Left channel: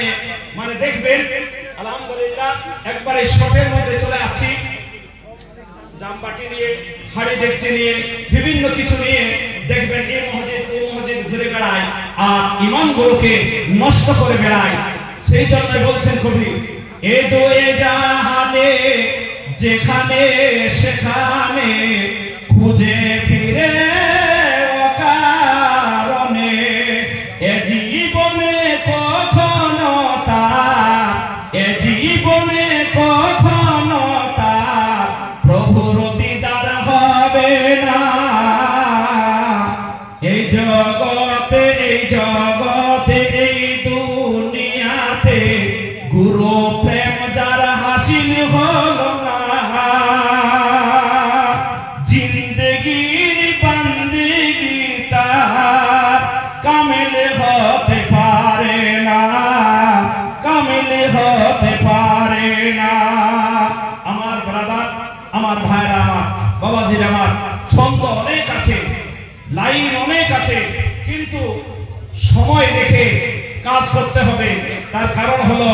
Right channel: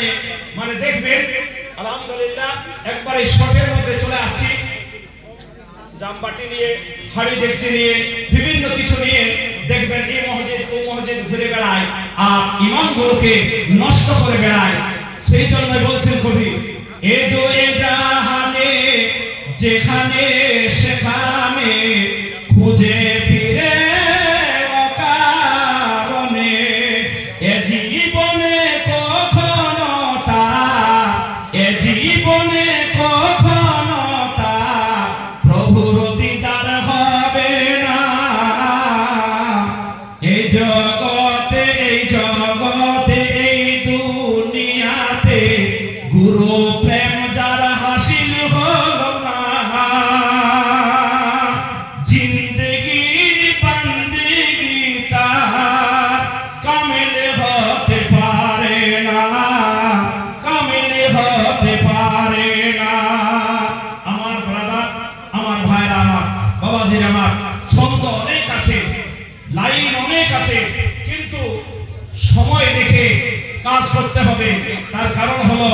এখানে মানে দেখবেন আলহামদুলিল্লাহ একবারে শটের মধ্যে চলে আসছি, জামবাটি নিয়ে হাড়ি দেখছে নিয়ে বিভিন্ন কিছু নিয়ে দেখবেন এই মসজিদ ও মসজিদ ঘুরে বেড়ায় আর ইমানগুলোকে নষ্ট করে বেড়ায়। সেই জন্য বলছেন কবি, এ দোয়ে জাহানে যেখানে সেখানে খুঁজে ফিরে অকারণে, এ জীবনে কখনো তার, এ জীবনে কখনো তার প্রভুর দিদার হবে না। এই জগতে এই জগতে এই দুনিয়াতে গুরু প্রেম যার হাসিল হলো না, জিন্দেগি বান্দেগি তার কামিল হতে পারে না, কামিল হতে পারে না। আমার ব্রাদার, আমার ভাইরা, আমার বাবাজির, আমার ছন্দ অনেক আছে, লাইন অনেক আছে, কিন্তু সময় দেখে কাজ করতে হবে। তার কারণ হলো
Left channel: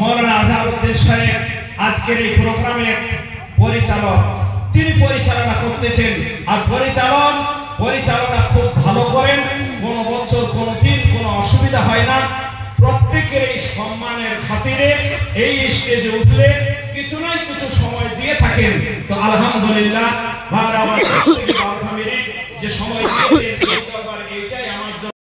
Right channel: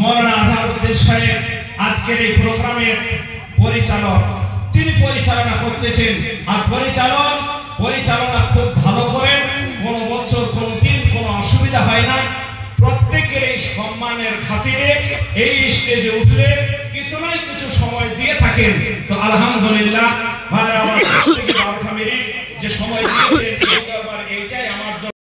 মৌলানা আজহারউদ্দিন সাহেব আজকের এই প্রোগ্রামের পরিচালক, তিনি পরিচালনা করতেছেন আর পরিচালনা খুব ভালো করেন, কোনো বছর কোনো দিন কোনো অসুবিধা হয় না। প্রত্যেকের এই সম্মানের খাতিরে এই স্টেজে উঠলে কিছু নয় কিছু সময় দিয়ে থাকেন। তো আলহামদুলিল্লাহ ভাইরা, আমার যে সময় দিয়েছেন এইটাই আমার